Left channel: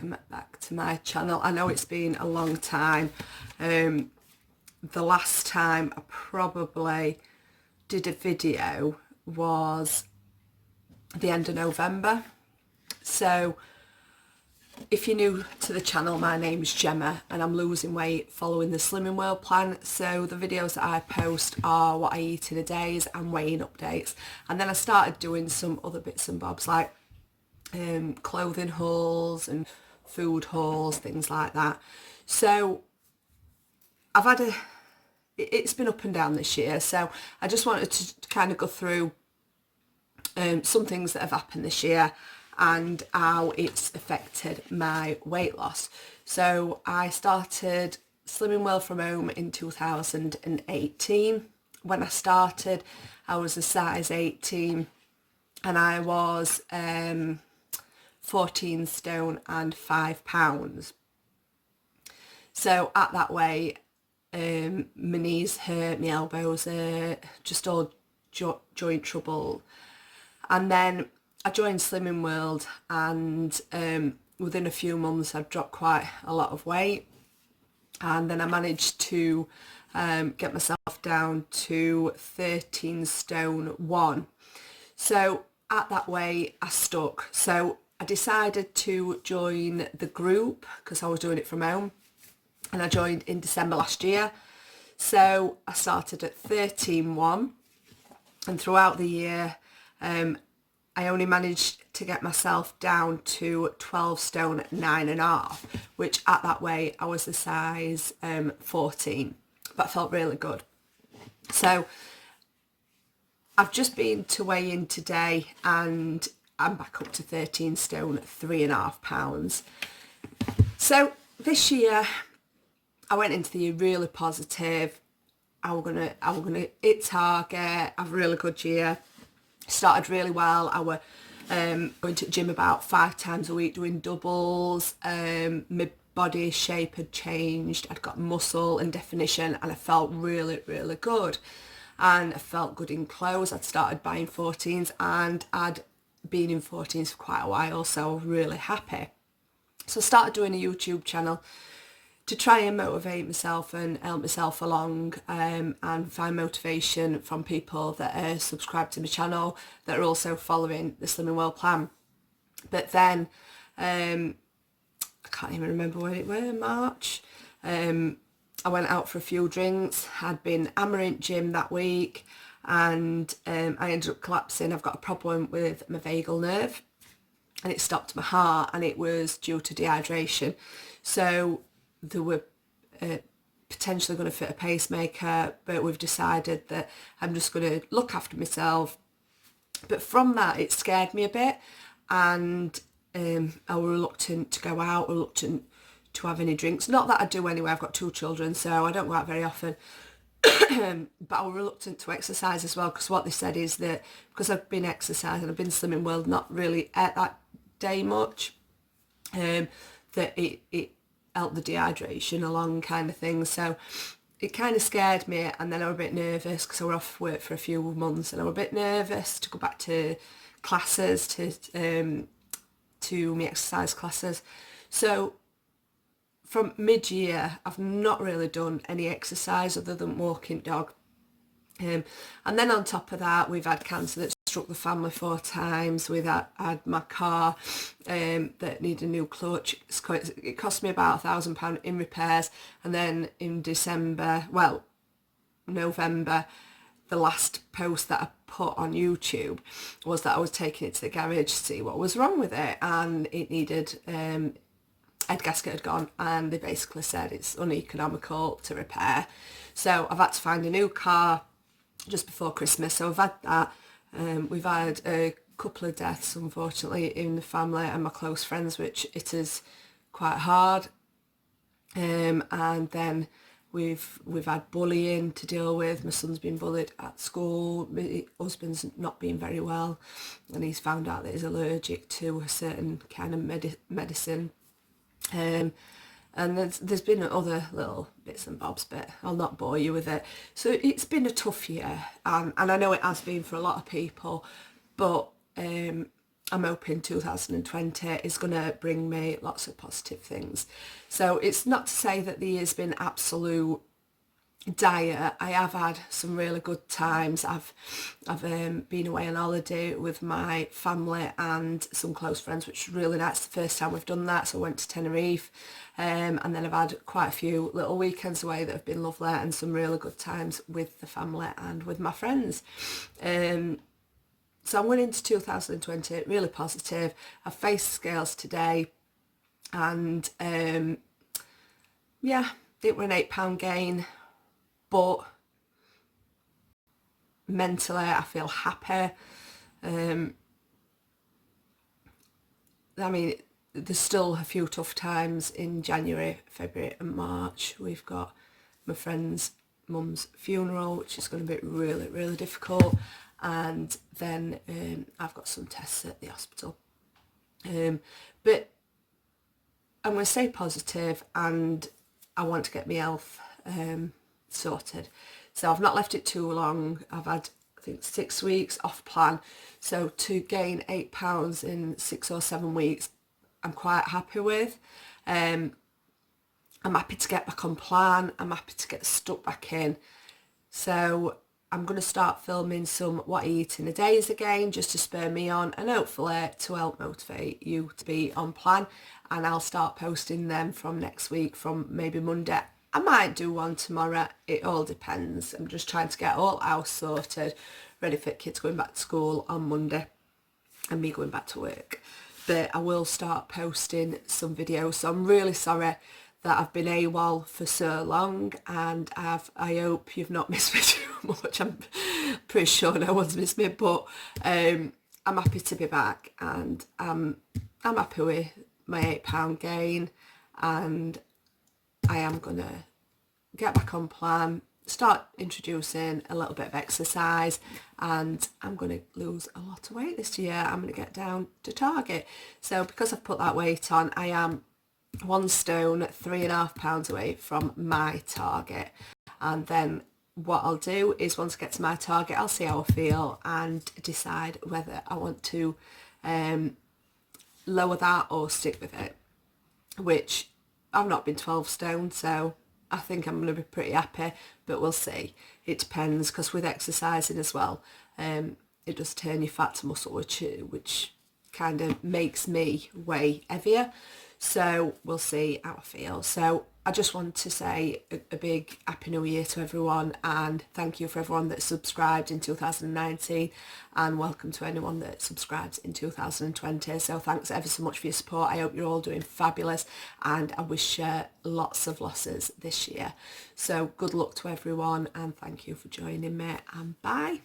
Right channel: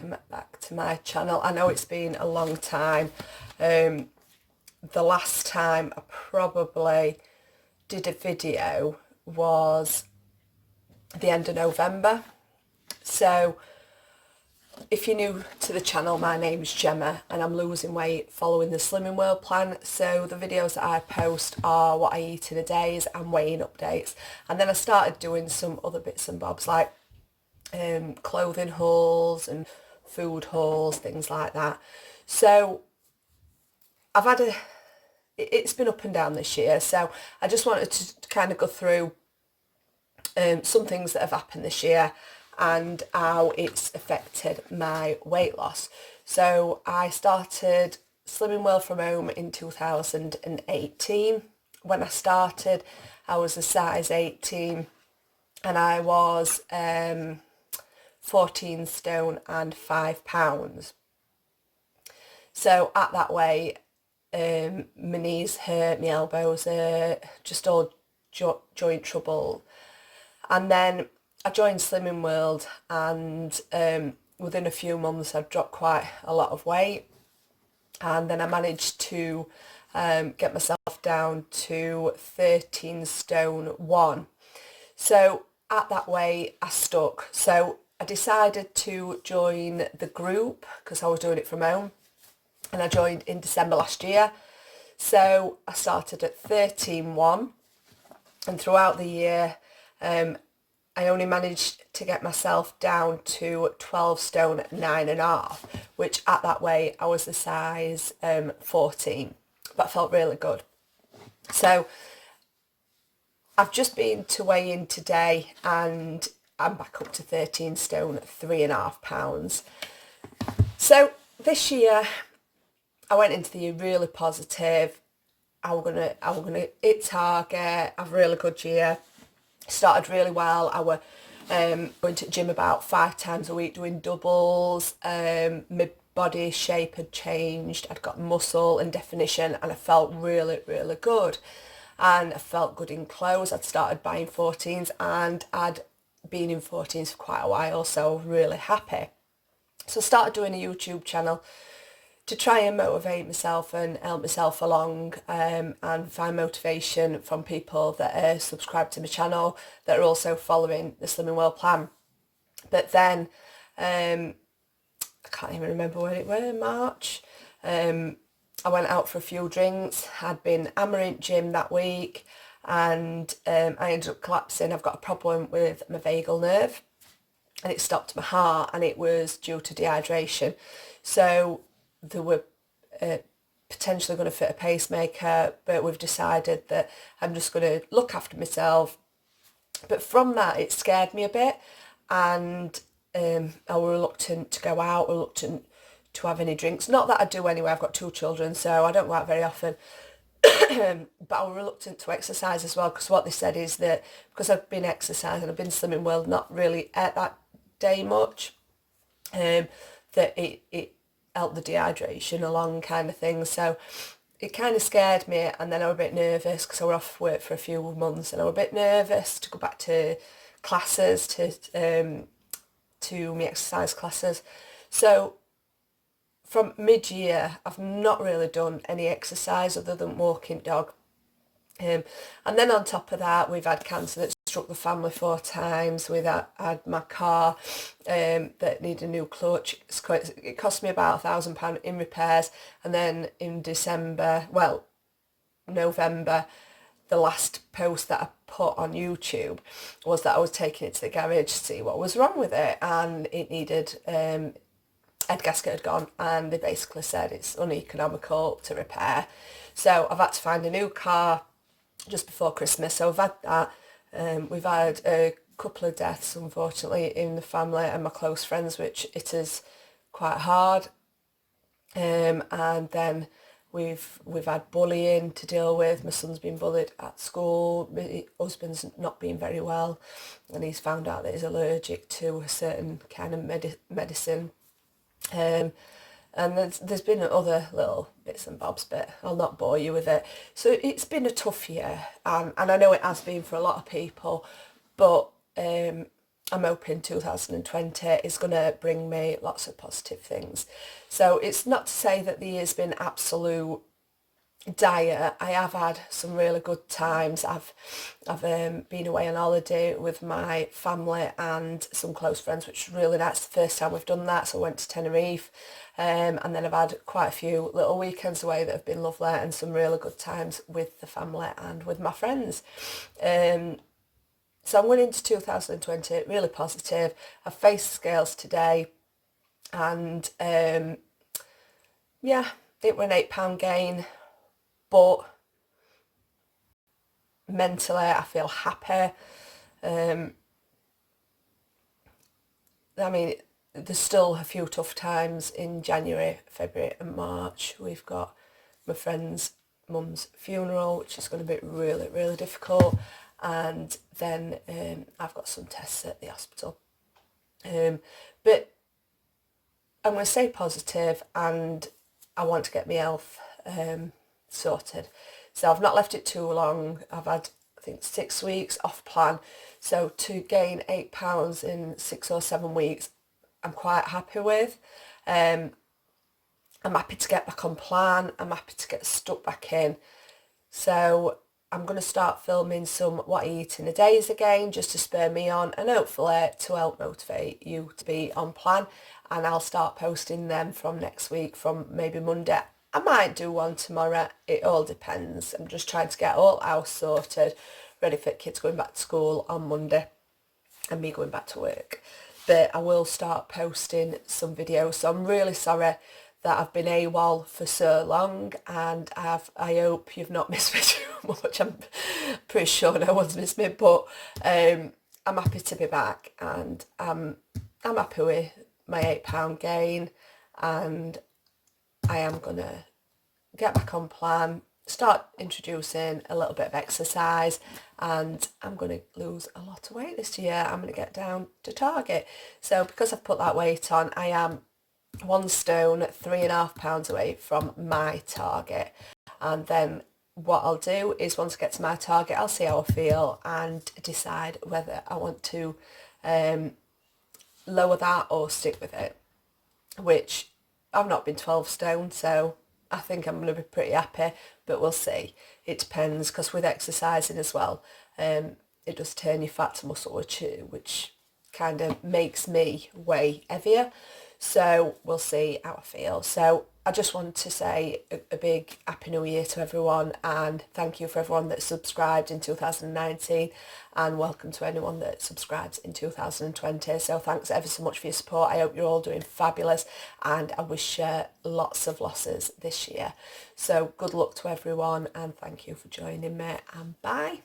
welcome back to my channel. I know it's been a long time. The last time I probably did a video was the end of November. So if you're new to the channel, my name's Gemma and I'm losing weight following the Slimming World plan. So the videos that I post are what I eat in a day and weighing updates. And then I started doing some other bits and bobs like clothing hauls and food hauls, things like that. So it's been up and down this year, so I just wanted to kind of go through some things that have happened this year and how it's affected my weight loss. So I started Slimming World from home in 2018. When I started, I was a size 18 and I was 14 stone and 5 pounds. So at that weight, my knees hurt, my elbows hurt, just all joint trouble. And then I joined Slimming World and within a few months I'd dropped quite a lot of weight. And then I managed to get myself down to 13 stone 1. So at that weight I stuck. So I decided to join the group because I was doing it from home, and I joined in December last year. So I started at 13.1 and throughout the year I only managed to get myself down to 12 stone 9.5, which at that weight I was the size 14, but I felt really good. So I've just been to weigh in today and I'm back up to 13 stone 3.5 pounds. So this year I went into the year really positive. I was gonna hit target, have a really good year. Started really well. I were going to the gym about 5 times a week doing doubles. My body shape had changed. I'd got muscle and definition and I felt really, really good. And I felt good in clothes. I'd started buying 14s and I'd been in 14s for quite a while, so really happy. So I started doing a YouTube channel to try and motivate myself and help myself along, and find motivation from people that are subscribed to my channel that are also following the Slimming World plan. But then I can't even remember when it was, March. I went out for a few drinks, had been hammering gym that week, and I ended up collapsing. I've got a problem with my vagal nerve and it stopped my heart, and it was due to dehydration. So they were potentially going to fit a pacemaker, but we've decided that I'm just going to look after myself. But from that, it scared me a bit, and I was reluctant to go out, reluctant to have any drinks. Not that I do anyway, I've got 2 children, so I don't go out very often. But I was reluctant to exercise as well, because what they said is that because I've been exercising, I've been Slimming World, not really ate that day much, that it helped the dehydration along kind of thing. So it kind of scared me, and then I was a bit nervous because I was off work for a few months and I was a bit nervous to go back to classes, to my exercise classes. So from mid-year, I've not really done any exercise other than walking dog. And then on top of that, we've had cancer that struck the family 4 times. We've had my car that needed a new clutch. It cost me about £1,000 in repairs. And then in November, the last post that I put on YouTube was that I was taking it to the garage to see what was wrong with it. And it needed... head gasket had gone, and they basically said it's uneconomical to repair. So I've had to find a new car just before Christmas. So I've had that. We've had a couple of deaths, unfortunately, in the family and my close friends, which it is quite hard. And then we've had bullying to deal with. My son's been bullied at school. My husband's not been very well, and he's found out that he's allergic to a certain kind of medicine. And there's been other little bits and bobs, but I'll not bore you with it. So it's been a tough year, and I know it has been for a lot of people, but I'm hoping 2020 is going to bring me lots of positive things. So it's not to say that the year's been absolute dire. I have had some really good times. I've been away on holiday with my family and some close friends, which is really nice. The first time we've done that, so I went to Tenerife, and then I've had quite a few little weekends away that have been lovely, and some really good times with the family and with my friends. So I'm going into 2020 really positive. I faced scales today, and yeah, it was an £8 gain, but mentally I feel happy. I mean, there's still a few tough times in January, February and March. We've got my friend's mum's funeral, which is going to be really, really difficult. And then I've got some tests at the hospital. But I'm going to stay positive, and I want to get my health sorted. So I've not left it too long. I've had, I think, 6 weeks off plan. So to gain £8 in 6 or 7 weeks, I'm quite happy with. I'm happy to get back on plan. I'm happy to get stuck back in. So I'm going to start filming some what I eat in a days again, just to spur me on, and hopefully to help motivate you to be on plan. And I'll start posting them from next week, from maybe Monday. I might do one tomorrow. It all depends. I'm just trying to get all house sorted, ready for kids going back to school on Monday and me going back to work. But I will start posting some videos. So I'm really sorry that I've been AWOL for so long, and I hope you've not missed me too much. I'm pretty sure no one's missed me, but I'm happy to be back, and I'm happy with my £8 gain, and I am gonna get back on plan, start introducing a little bit of exercise, and I'm going to lose a lot of weight this year. I'm going to get down to target. So because I've put that weight on, I am 1 stone, 3.5 pounds away from my target. And then what I'll do is, once I get to my target, I'll see how I feel and decide whether I want to lower that or stick with it, which I've not been 12 stone, so I think I'm going to be pretty happy, but we'll see. It depends, because with exercising as well, it does turn your fat to muscle, which kind of makes me weigh heavier. So we'll see how I feel. So I just want to say a big Happy New Year to everyone, and thank you for everyone that subscribed in 2019, and welcome to anyone that subscribes in 2020. So thanks ever so much for your support. I hope you're all doing fabulous, and I wish you lots of losses this year. So good luck to everyone, and thank you for joining me, and bye.